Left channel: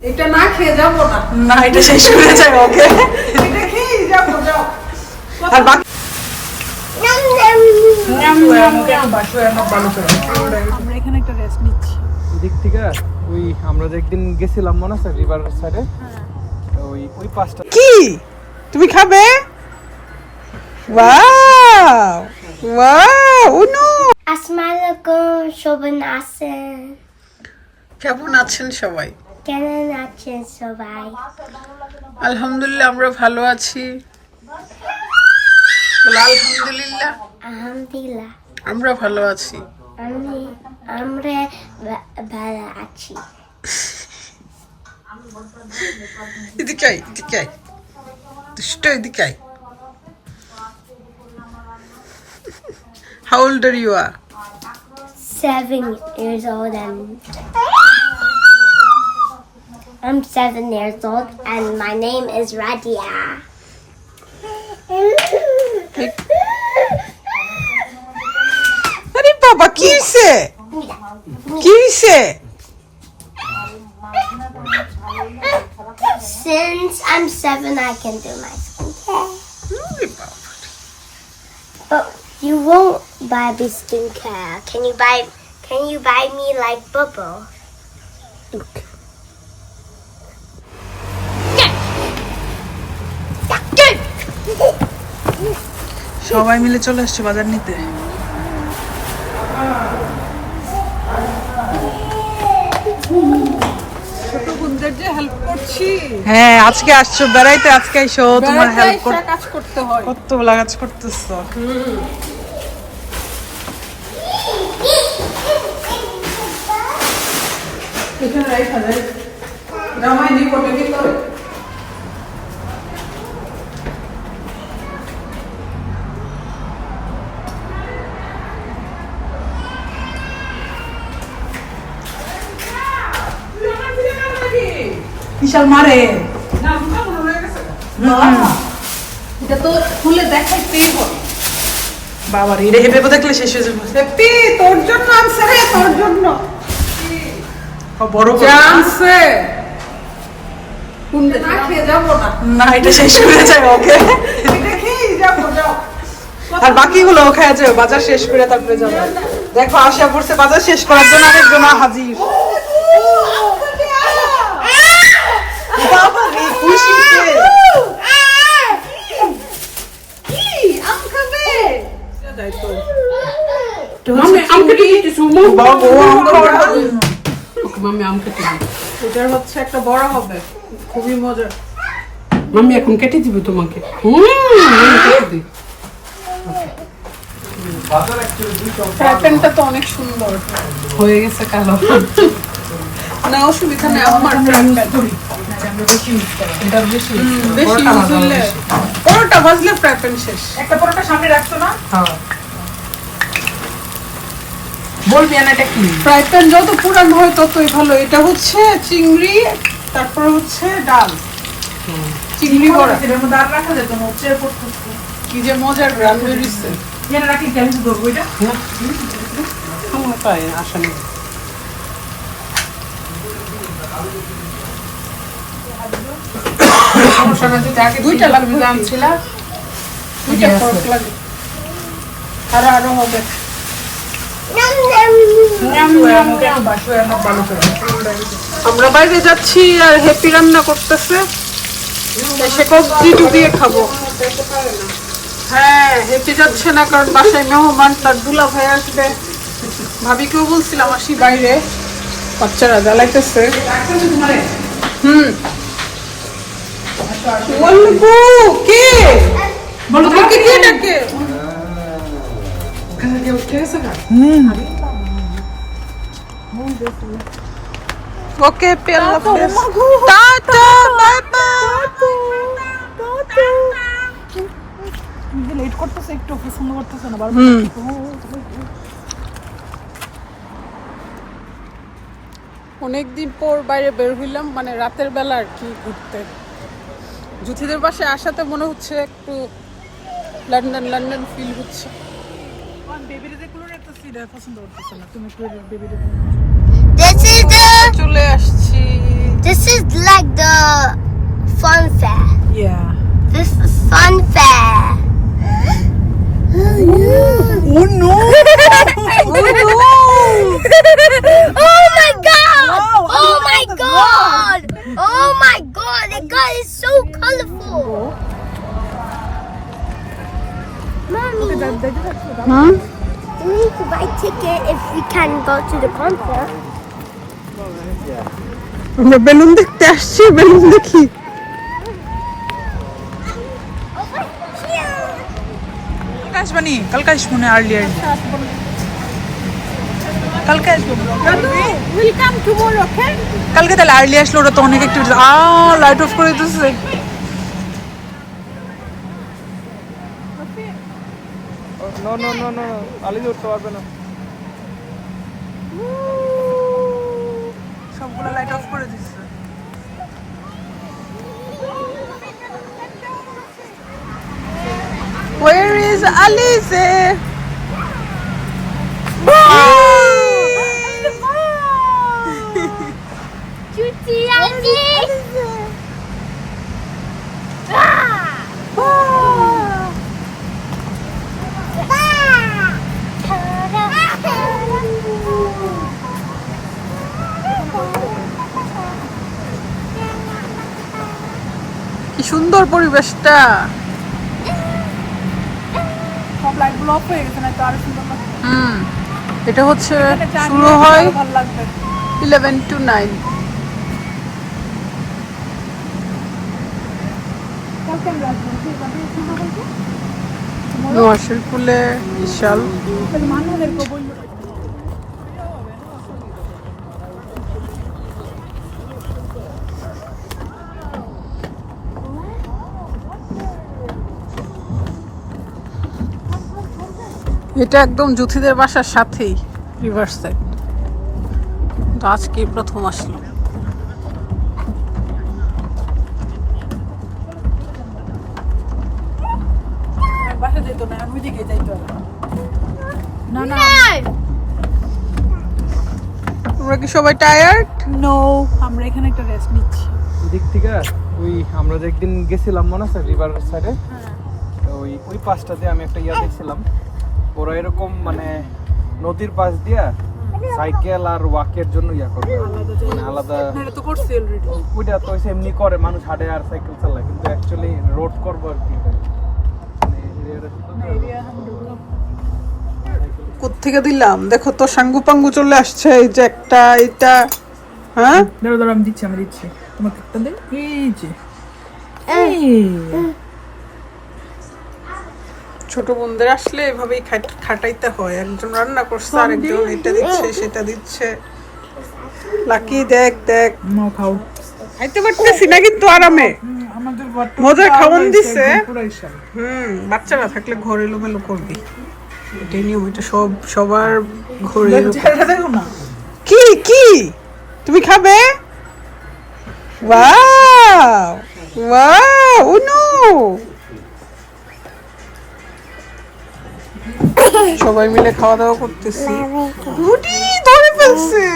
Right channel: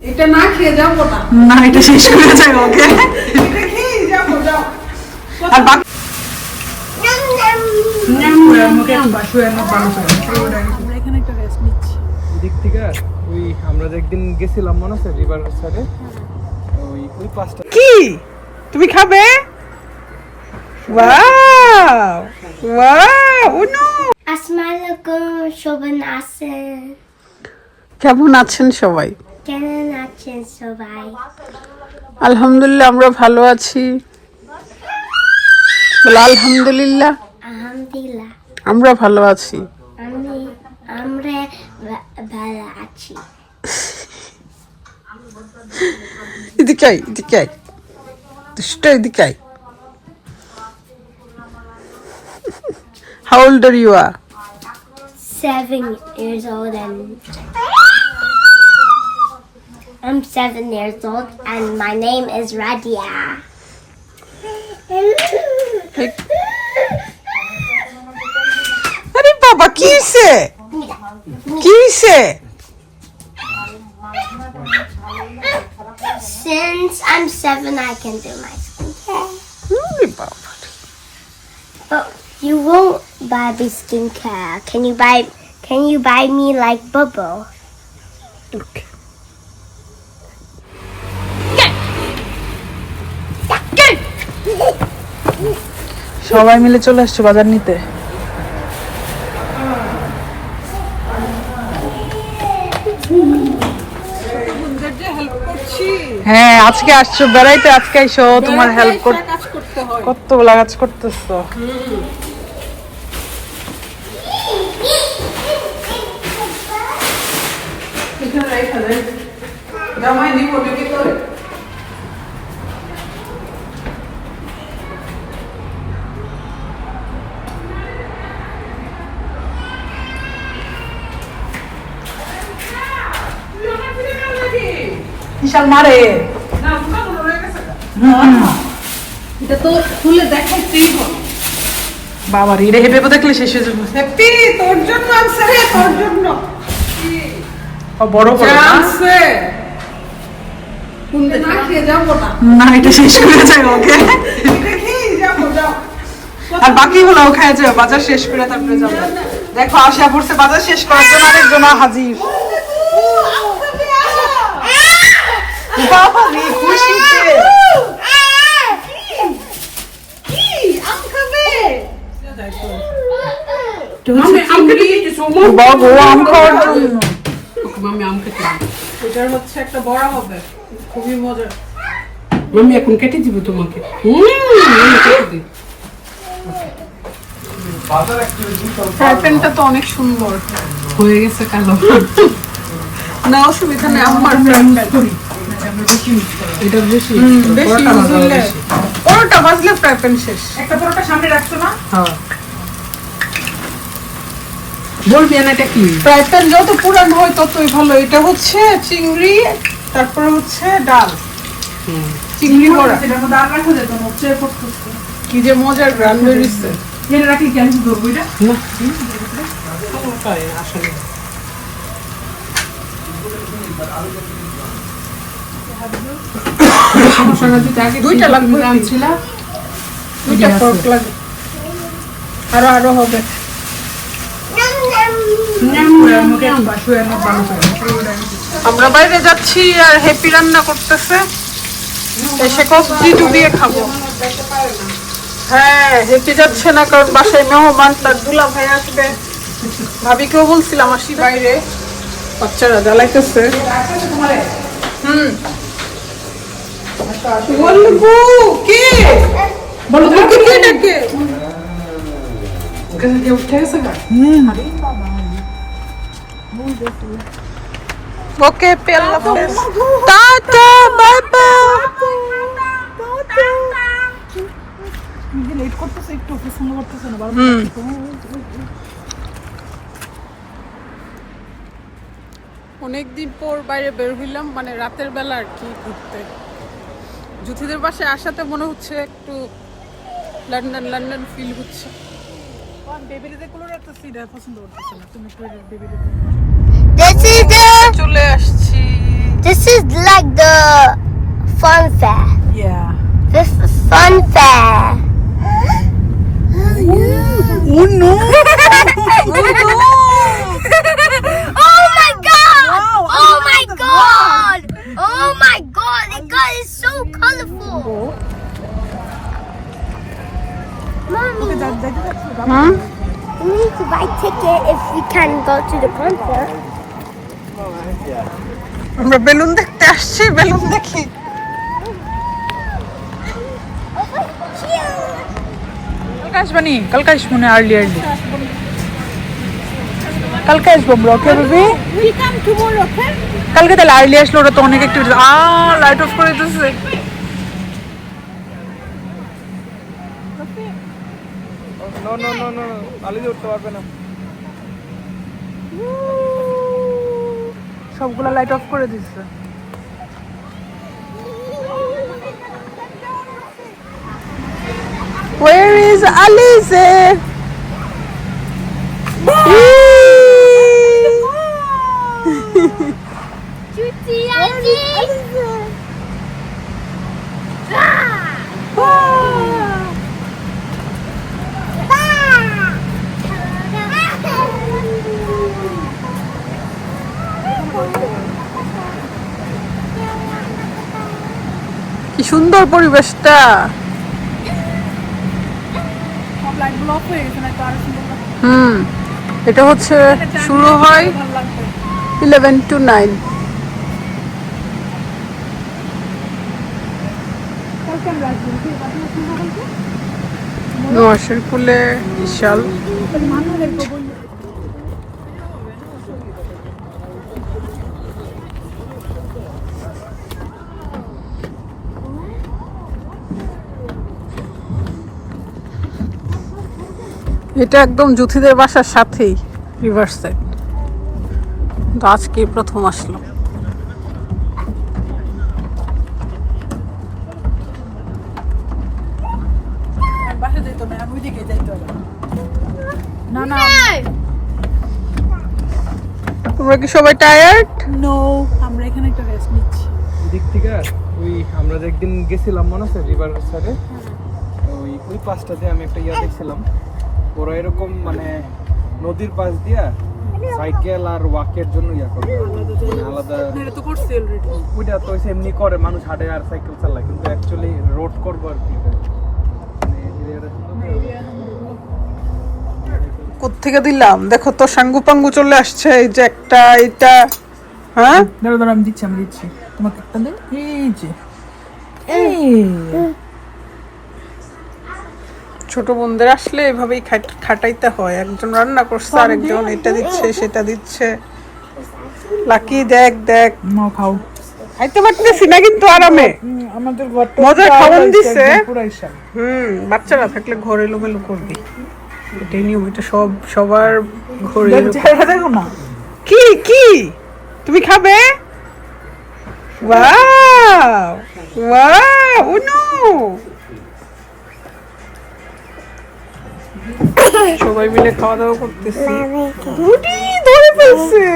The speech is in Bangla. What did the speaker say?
এটা না খেয়ে যাব না না এটা শেষ করে যায় ওকে। এটা খেয়েই যাব যাও। আর বাকি এখানে একটা রেস্ট নিচ্ছি। দিক থেকে ওই আমরা যে একদিন গেছিলাম মনে আছে রিভার সাইডে ওই ওই পাঁচটা কি? তুমি খাবে? ওয়াও! ওয়াও উনু! আসসালামাইকুম শোভন আছেন। কেমন আছেন সবাই? কেমন আছেন সবাই আলহামদুলিল্লাহ আমরা ভালো আছি বলো আলহামদুলিল্লাহ আলহামদুলিল্লাহ আমরা ভালো আছি আমি আমরা ভালো আছি এদিকে আয়, এদিকে আয়। দুষ্ট এদিকে আয়। How old are you? Seven years old and I'm seven years old and my name is Radia. আরে বাবা কি হইছে কি হইছে Since I'm seven, I can do my skincare. ওরে বাবা But you won't buy me skincare. Can you buy? Can you buy me like bubble? Okay. সবাই মিলে চলে আসছে বাজার নিতে। হ্যাঁ আজকে আসছো বেড়াইতে আজকে আইসো তোমার হেল্প করতে হয়। কতগুলা কাজ করতেছো। এখানে রেখে দেয় জামাই বিশাল মারে। এটা তো খুলে দেখাইতেই হবে। বাবার হিরে হেপে দেখলে শেষ হয়ে যাবে। তোর জন্য আনছে রে তোর জন্য। ও, বড় বড়। না? আনছে। না এটা শেষ করে যায় ওকে। আর বাকিগুলো খাওয়া যাবে বাজার শেষ করে তারপরে যাব। দেখো আশা করছে বাজার শেষ করার জন্য আরেকজন হাজির বাবা রে খুশিতে মামি আম কেটে দিয়েছ বাবা ও আম খাওয়ার জন্য মামি আম কেটে দিই এটার হচ্ছে একটা বড় হবে খুবই মজার মামি এখন কেটে দিব তোমাকে হুম মামি কেটে দিই ফ্রাই প্যানটা তো অনেক সুন্দর। হয়ে গেছে কালো। না অসুবিধা নেই আমার ফ্রাই প্যান এটা পরোটা ভাজলে ফ্রাই শেষ একটা পরোটা সামনে রাখছো না হ্যাঁ এটা কি ফ্রাই যত পুরান হয় ততই ভালো এটা হচ্ছে চিংড়ি তারপরে হচ্ছে ডাল চিংড়ি বড়া আর রাখা যেত না কি যে মজার গ্রান বেরিয়েছে জেনে রাখি কেন ধরবো এটা আসলে দুইটা লাগবে আনছিলা দুইটা ফর্ক লাগে আরও আরও হবে। আমরা বাইরে যাচ্ছি আর হ্যাপি রান্না করতেছে। এসে কবজি ডুবিয়ে খাব। হ্যাঁ হেঁটে যাচ্ছে না কারণ বাসায় মেহমান তার দুলা ভাই আসবে। ভাবিকেও বলছিলাম আসি বাইরে। বাচ্চারা জ্বালাইতেছে। হুম। বলব কে? বলব কে? কে ডাকে? ওখানে কেউ উঠে গেছে না। ওকে পেল্লা টাটা বাই বাই লেট করতেছে একটু পছন্দ করতেছে না? হুম। অনেকদিন পর বাইরে বের হইলাম মানে রাতের বেলা আর কি ঘুরতে। জুথিদের বাসায় আসাতে মনে হচ্ছে একটু লন্ডন লন্ডন ফিল হচ্ছে চলে আসছি This is like the fun fair. Yeah. This is fun fair. Oh no! Can go to the concert. আমরা বেলুন দেখতে আসছি বেলুন দেখি. কালকে আসবানি কালকে আসব না আর্লি আর্লি কালকে আসব আমরা ওকে বেবি? কালকে তাহলে আর্লি আসলে ওরা তো অনেক অ্যাক্টিভিটি আ লাইট অফ করে দিতেছে। No no no no Ali উঠতে পারবে না। সবগুলো লাইট অফ করে দিচ্ছে Where is Alice? Bye. anjing. Ah. কি সুন্দর পরিবেশটা সব লাইটগুলো অফ হয়ে গেছে না তো আরও সুন্দর পরিবেশটা। হুম এটা হচ্ছে শুরু হয় ইলেভেন টু নাইন নোয়াশের কুলে বিশাল। মানুষদেরকে বলব এটা একদম জুথিদের বাসার সাথেই রিভার সাইড তো আজকেই প্রথম আসলাম তোমরা কি সবাই টায়ার্ড নো আমরা এখানে একটা রেস্ট নিচ্ছি। দিক থেকে ওই আমরা যে একদিন গেছিলাম মনে আছে রিভার সাইডে ওই ওই পাশটাতে আমি একটা ইয়া দেখছিলাম। ওরা এরকম মানে নদীর পাশ দিয়া সাইকেল আর ওয়াকের জন্য ইয়া করবে। মানে আলাদা ওইটা তো এমনি করে মানুষ হাঁটে আর সাইকেল চালায় কিন্তু অ্যাকচুয়ালি রোড করব আর কি মানে কোথেকে দিলাম? দেখো তো সাঙ্গু পাঙ্গু চলে আসছে এই যে একটা এটা হ্যাঁ? দাঁড়ো দাঁড়ো আমি দিচ্ছি আমি দিচ্ছি। তোমাকে একটা দিন। এই যে ছোট বোনদের আসলে এভাবেই খাটাইতে হয়। একজন রান্না করছে আর একজন এটা দিচ্ছে সেটা দিচ্ছে। লাকি দেখ দেখ। খাও। খাইতে পারতেছি না কিন্তু আরামে। মজার খাওয়ান দিছে। হুম বাচ্চারা থাকলে ঘর এলোমেলো করবি। এটাই নিয়ম এটা সব সবার ঘরে কি কি? তুমি খাবে? ওয়াও! ওয়াও ও নো সবাই মিলে খাওয়া দাওয়া করতেছি। ধরে ফেলছে।